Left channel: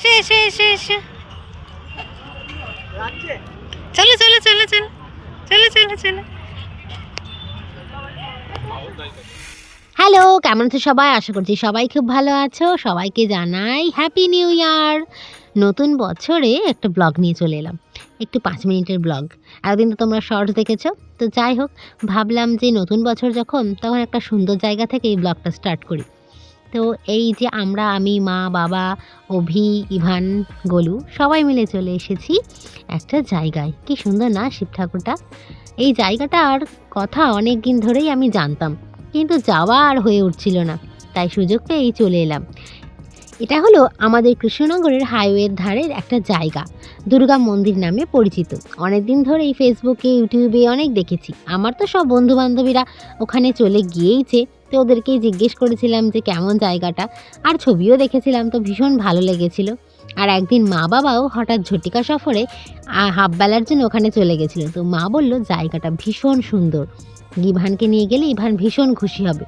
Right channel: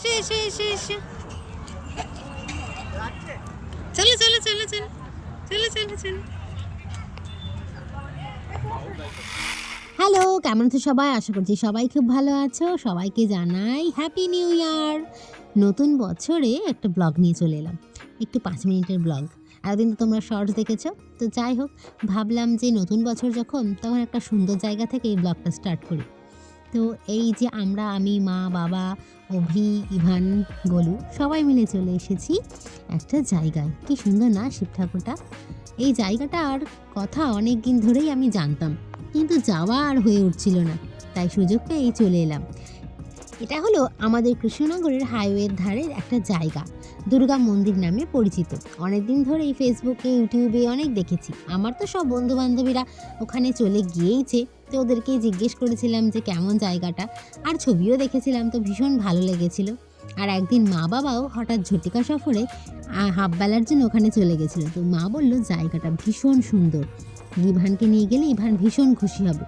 এসে এসে এসে এসে চলো চলো চলো চলো। চলো চলো চলো। হ্যালো, কেমন আছো সবাই? আশা করছি সবাই খুব ভালো আছো। সবাইকে জানাই হ্যাপি নিউ ইয়ার নতুন বছরে একটা ব্লগ নিয়ে চলে এলাম। একটু পাঁচ মিনিটের ব্লগ এতদিন তো তোমরা শর্টস দেখেছ। তো যাই হোক, ভাবলাম যে নতুন বছর যখন, তখন একটা সুন্দর জায়গা থেকে এই ব্লগটা স্টার্ট করি। তো এই যে আমরা, আমি, মা, বাবা, অভি, ইভান, গোলু সবাই মিলে চলে এসেছি একটা জায়গায়। কি সুন্দর না শিব ঠাকুরটা? এই জায়গাটার কথা অনেক দিন ধরেই আমি জানতাম, কিন্তু যাওয়া আর হয়ে উঠছিল না, তাই সুযোগ পেয়েই চলে এলাম। এটা হলো আমাদের কৃষ্ণনগরের হাইওয়ের ধারের একটা জায়গা, দুর্গা মন্দির নামে পরিচিত। অনেক দিন ধরেই ফেসবুকে ইউটিউবে অনেক দেখেছি। আমার তো সব বন্ধু বান্ধবীরা ওখানে চলে গিয়েইছে তো ওদেরকেই জিজ্ঞেস করেছিলাম যে কেমন জায়গাটা, আর ছবিও দেখেছিলাম তো ভীষণ ভালো লেগেছিল। আর একদিন মা বাবাও হঠাৎ ঝটিকা সফরে হাফ বেলার জন্য ওখানে চলে গেছিল। তো মা বলল, জায়গাটা ভীষণ সুন্দর। ইভানকে নিয়ে গেলে ইভান ভীষণ খুশি হবে।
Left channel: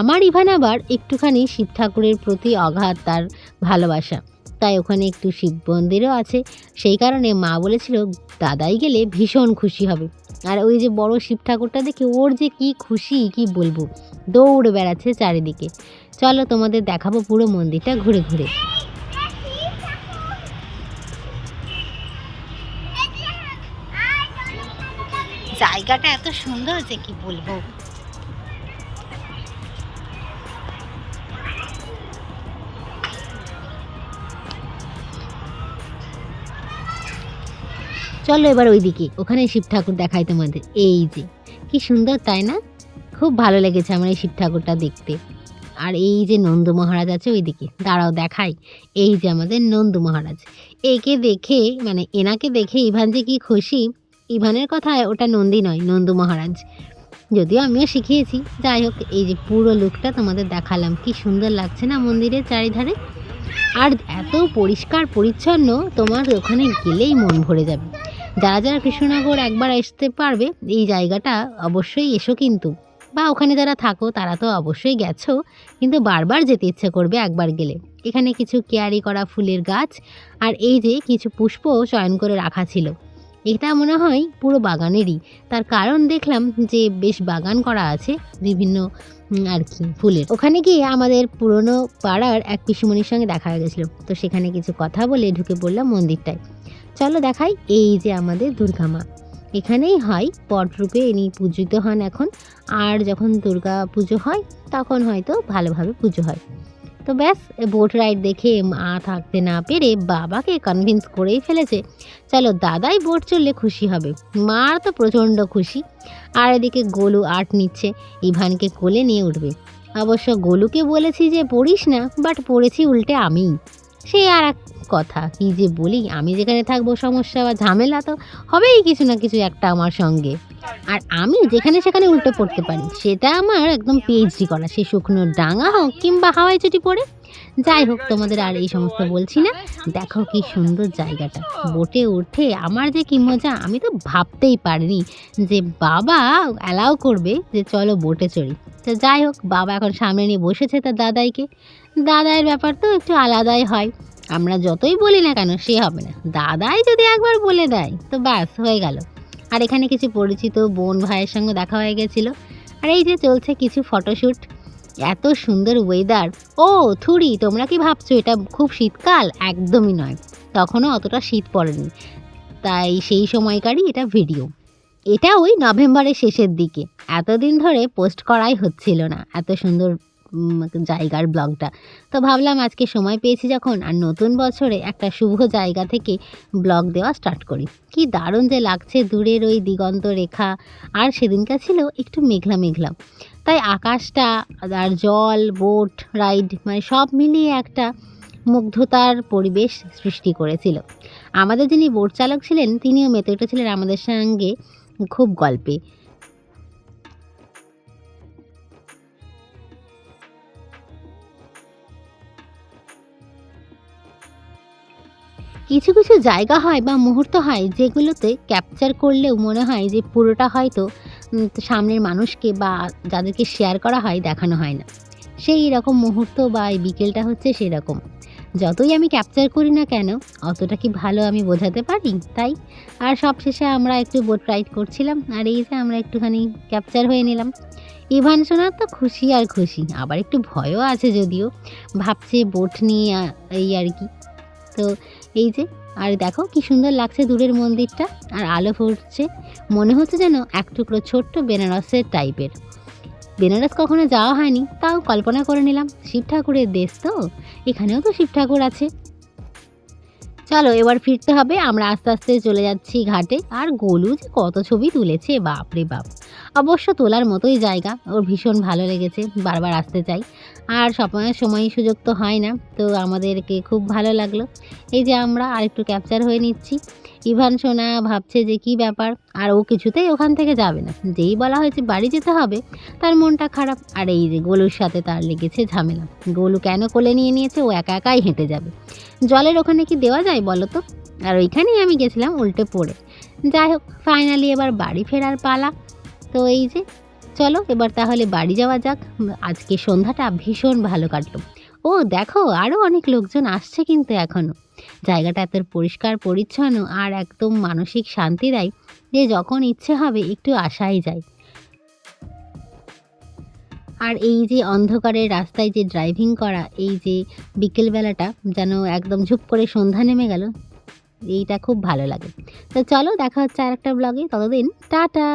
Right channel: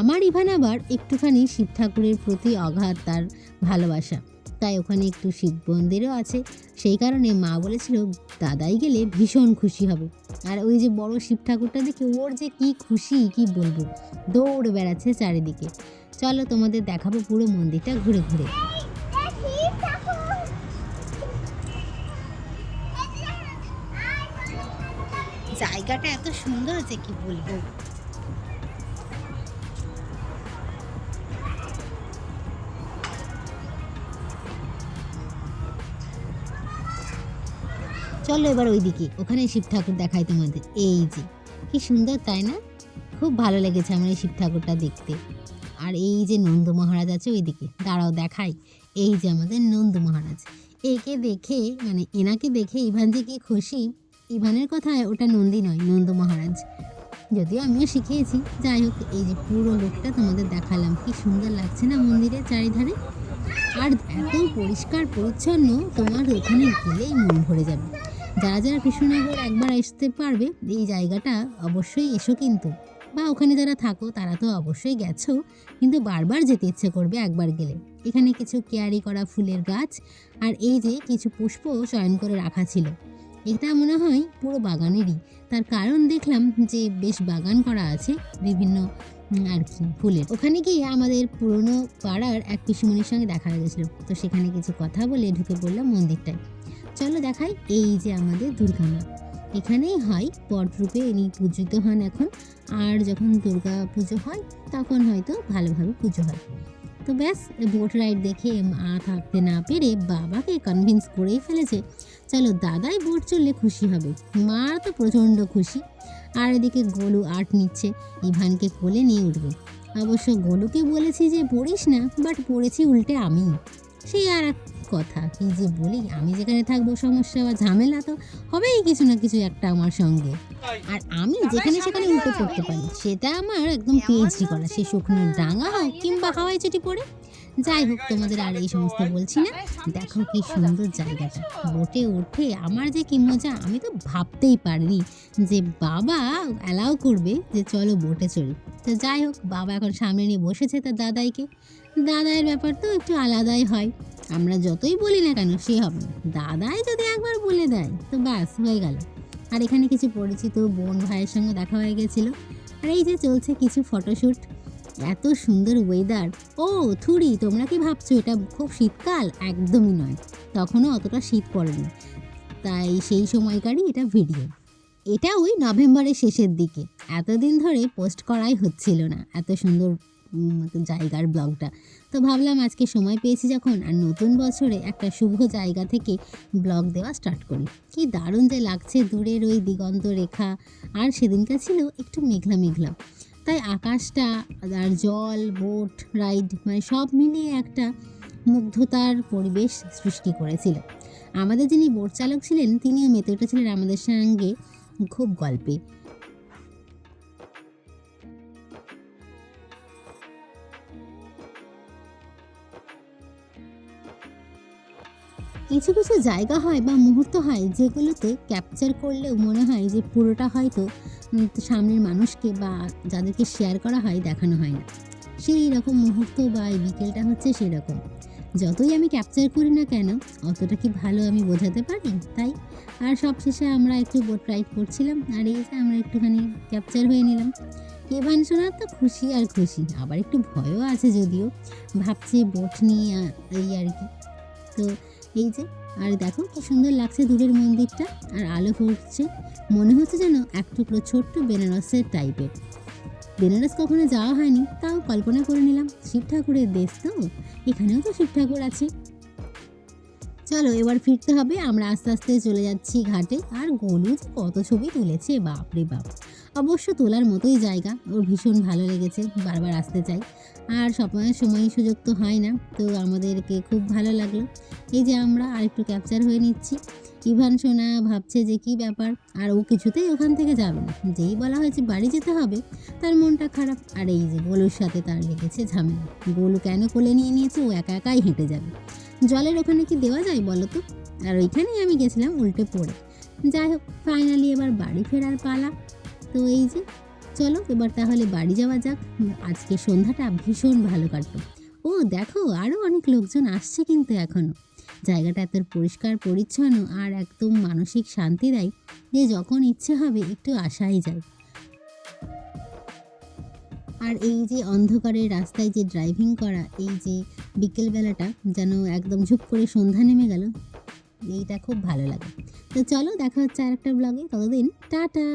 আমার ইভান আবার একটুখানি শিব ঠাকুরের প্রতি অগাধ তার ভালোবাসা। তাই ওখানে একটু শিব মন্দিরও আছে। সেই কারণে মা বলেছিল, দাদাই গেলে ভীষণ খুশি হবে। আর ওই যে বড় শিব ঠাকুরটা দেখে ওর যে কি খুশি, কি বলব? দৌড়ে বেড়াচ্ছে চারিদিকে। চলো তোমাদের দেখাবো পুরো মন্দিরটা ঘুরে ঘুরে। জায়গাটা এত সুন্দর যে কি বলব? চলো এবার ওইদিকে ওখানে শিব ঠাকুর দেখাই তোমাদের। এই যে, কি সুন্দর, তাই না? খুব ভালো লেগেছে আমার এই শিব ঠাকুরটা দেখতে। আর এই যে নন্দ মহারাজ আছে ওইদিকে, দাঁড়াও দেখাই। এই যে আমাদের নন্দ মহারাজ। একে দেখে মানে এনাকে দেখে ইভান যে কি খুশি, ইভানের কথায় ওটা নন্দী নয়, নন্দ মহারাজ। যদিও আমিও শিখিয়েছি। যাই হোক, এই যে পুরো লুকটা তোমাদের দেখালাম। কি সুন্দর লাগছে না মন্দিরের চারিধারে? আর এত পরিষ্কার পরিচ্ছন্ন, তোমার ওখানে গেলেই মন ভরে যাবে। যারা যারা কৃষ্ণনগর একবার আসতে পারবে, এই জায়গাটা অবশ্যই এসো কিন্তু। বা ওখানে যারা থাকো, তারা তো অবশ্যই গেছো, কিন্তু বারবার যেতে ইচ্ছে করবে একবার গেলে। এখানে কিছু কেয়ারি করা ফুলের গাছ আর এই যে কিছু পুষ্প চয়ন করে রাখা ছিল। এটা মনে হয় পুরো বাগানেরই। তার কারণ দেখলাম যে বেশ বাগান করা আছে বিভিন্ন আর কি, ফুলের। ওখানে গিয়ে আমাদের পুরনো পাড়ার এক পিসুমণির সঙ্গে দেখা হয়ে গেছিল। তো সেখানে কিছু কথা বলে ঢুকে পড়লাম মন্দিরটায়। চলো দেখাই এই যে আমাদের দুর্গা মা। এখানেই হয় পটরূপে ইনি পূজিত হন এখন। আর যখন দুর্গা পুজো হয়, তখন হয়তো ভালোভাবে পুজো হয়। তো ব্যাস বোট রাইড দেখে মা থাকতে না পেরে বাবাকে কনভিন্স করেই ফেলেছে। চলো দাদাই বোট চললে খুশি হবে। মার তো প্রচণ্ড খুশি। আর এদিকে গোলু আর্ট নিচ্ছে, ইভানকে কোলে নিয়ে উঠবে। অবশ্য গোলুকে বলেছি যে পড়িস না বাট পড়েছি উল্টে আমি সেই আর এক কথা, কি যে বলি? আমি যেখানে থাকব সমস্যা বা ঝামেলা তো হবেই কিছু না কিছু একটা আমার সঙ্গে। আর আমি যেখানে সেখানে উল্টে পড়তে পারি, সেটা আমার একদম পিএইচডি করা। সে শুকনো ডাঙা হোক কিংবা হাওয়াই চটি পড়ে। যাই হোক, তোমাদের আর এই সমস্ত বলছি না। দেখো কি সুন্দর জায়গাটা। বোটে উঠে আমার যে কি মজা, আমি তো ভাবতেই পারিনি যে বাবা অ্যালাউ করবে যে চলো বোটে চড়ি। তো যাই হোক, বাবা এখন সামনে নিয়ে বসেছে তার দাদাইকে। দাদাইয়ের ব্যাপার তো একটু আলাদাই হয়। আমরা যতই বলি না কেন, সে হবে না। দাদাই যদি একবার বলে দেয়, তো ব্যাস, হয়ে গেল। আর এখানে কিছু পরিচিত বোন ভাইয়ের সঙ্গে দেখা হয়ে গেছিল। আর এই যে চলছে কিছু ফটোশ্যুট এত সুন্দর ওয়েদার ও থুড়ি তোমরা কি ভাবছ, এটা খুব শীতকাল? একদমই নয়। তখনও অতটা শীত পড়েনি। তাই সেই সময়কারই এটা ভিডিও এটা ওই নভেম্বরের শেষের দিকে। এতদিন ধরে পোস্ট করাই হচ্ছিল না। এত সুন্দর জায়গার ব্লগটা। তো ভাবলাম আজকে সময় পেয়েছি যখন আর নতুন বছরে একটা শুভ জায়গা থেকে ব্লগ দেওয়া স্টার্ট করি। কি দারুণ যে লাগছে দূরের ওই দিগন্ত রেখা। আর সেদিনকার ছিল একটু মেঘলা মেঘলা। তাই আকাশটা আর জল বোট রাইড মানে সব মিলিয়ে একটা মুগ্ধতার পরিবেশ সৃষ্টি করেছিল। আমাদের যিনি বোট চালক ছিলেন, তিনিও মেতে উঠেছিলেন আমাদের সঙ্গে খুব গল্পে। কিছু কিছু জায়গা হয় বা মুহূর্ত হয় যেগুলোতে ক্যাপচার করলেও মনে হয় যে পুরোটা হয়তো সামনের মানুষকে বা যাদেরকে শেয়ার করা হয় দেখানো হয় না। সেই রকম মুহূর্ত বা এই বিকেলটা হচ্ছে সেরকম। যতই আমি ক্যাপচার করি না কেন, অতটা কি ভালো আমি বোঝাতে পারি? তাই, আর সবশেষে আমরা একটু বোট রাইড করছিলাম, আর এই যে আমরা একটুখানি ক্যাপচার হয়ে নিলাম। ইভান সোনার তো খুশি আর খুশি, আবার একটু ভয়ও আছে যদিও। ভাবছে বোট নিয়ে এই আর কি। তো এই যে, আর দেখো কি সুন্দর লাগছে দূরের মন্দিরটা, আর আলো ফুটছে মনে হচ্ছে যেন এক টুকরো ছোট্ট বেনারসের টাইপের। বেনারস কখনো যাওয়া হয়নি, তাও কল্পনা করে নিলাম। শিব ঠাকুরের দেশ তো, এখানেও তো শিব ঠাকুর আছে। চলো এবার ফিরতে হবে। আমরা আস্তে আস্তে চলে যাচ্ছি ঘাটে। আর গোলু যে কত ছবি তুলেছে বাপ রে বাপ। অবশ্য তোলার মতোই জায়গা। ওর ভীষণ ভালো লেগেছে, বারবার আসতে চাই। আর সময় সময় সুযোগ তো হয় না, তো আমাদেরকে খুব ভালো লাগল। এই যে আমরা আরেকটু ক্যাপচার হয়ে নিচ্ছি। ইভান সোনা ভাবছে যে কি ব্যাপার? আর ও কিছুতেই ওখান থেকে যাবে না। যেই বলা হয়েছে বাড়ি যেতে হবে, তার মনটা খারাপ। আর এই যে গোলুর সাথে তার লেগেছে ঝামেলা। গোলু কেন কোলে নিয়ে নিয়েছে? ও একা একাই হেঁটে যাবে। জলের ওখানে কি দেওয়া যায় বলো তো? আর ওইখানেই আমি গেছিলাম উল্টে পড়ে। যাই হোক ফাইনালি এবার বাড়ি ফেরার পালা। তো এই যে, চলো এবার তাহলে বাড়ি যাওয়া যাক। আজকে সন্ধ্যাটা ভীষণ ভালো কাটলো। ও, দেখো আরও অনেক লোকজন আসছে কিন্তু এখনও জায়গাটা এত পরিষ্কার, পরিচ্ছন্ন আর একদম মানসিক শান্তি দেয় যে যখন ইচ্ছে হবে একটু আসাই যায়। আর এই যে অন্ধকারের রাস্তায় যে ড্রাইভিং করা, এই যে বিকেলবেলাটা যেন একদম ঝুপ করে সন্ধ্যা নেমে গেল, এইটা খুব ভালো লাগে। তো চলো দেখা হচ্ছে আর একটা ব্লগে ততদিন টাটা!